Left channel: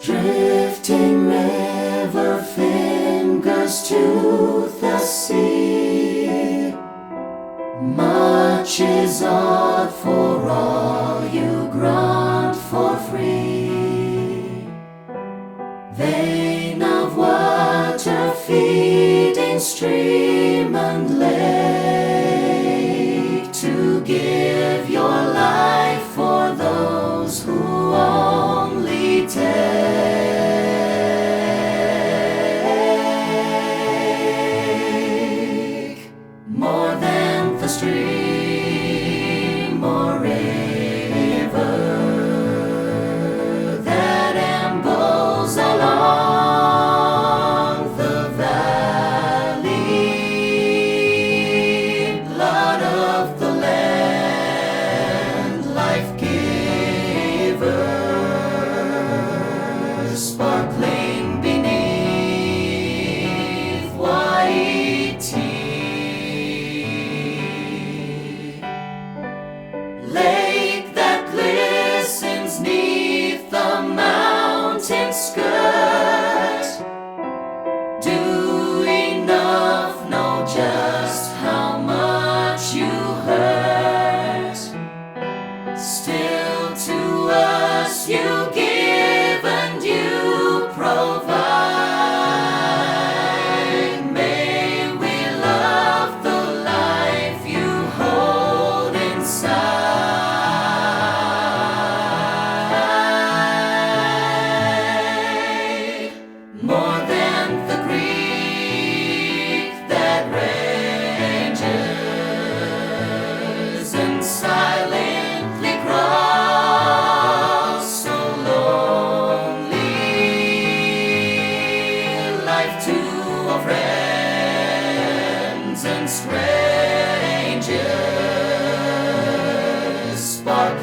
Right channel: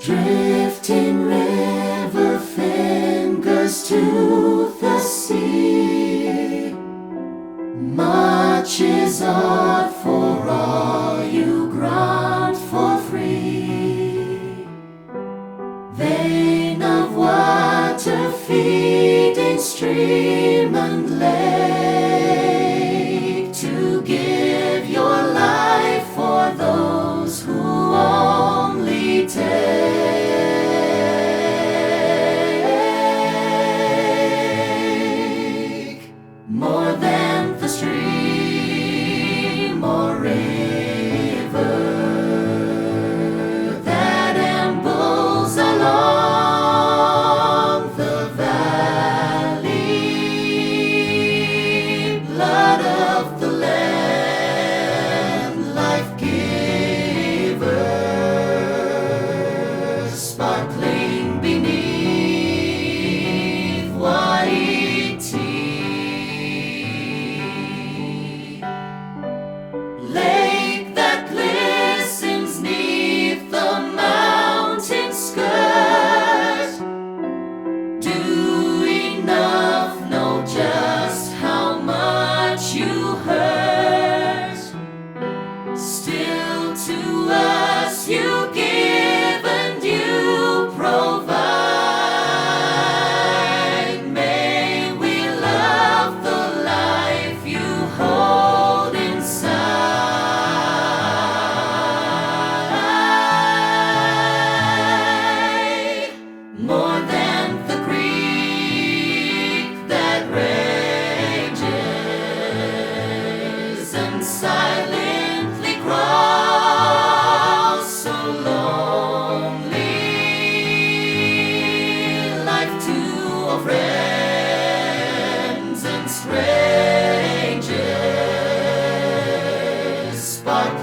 Drifting river fingers to the sea. Much is odd for all you grant for free. Vein of water feeding stream and lake, to give your life for those who only take. More than the stream or river that ambles along the valley, blood of the land, life giver, sparkling beneath Waitī. Lake that glistens neath the mountain skirt, do enough know just how much you hurt. Still to us you give and you provide. May we love the life you hold inside. More than the creek that rages and silently crawls so lonely, life to all friends and strangers, spark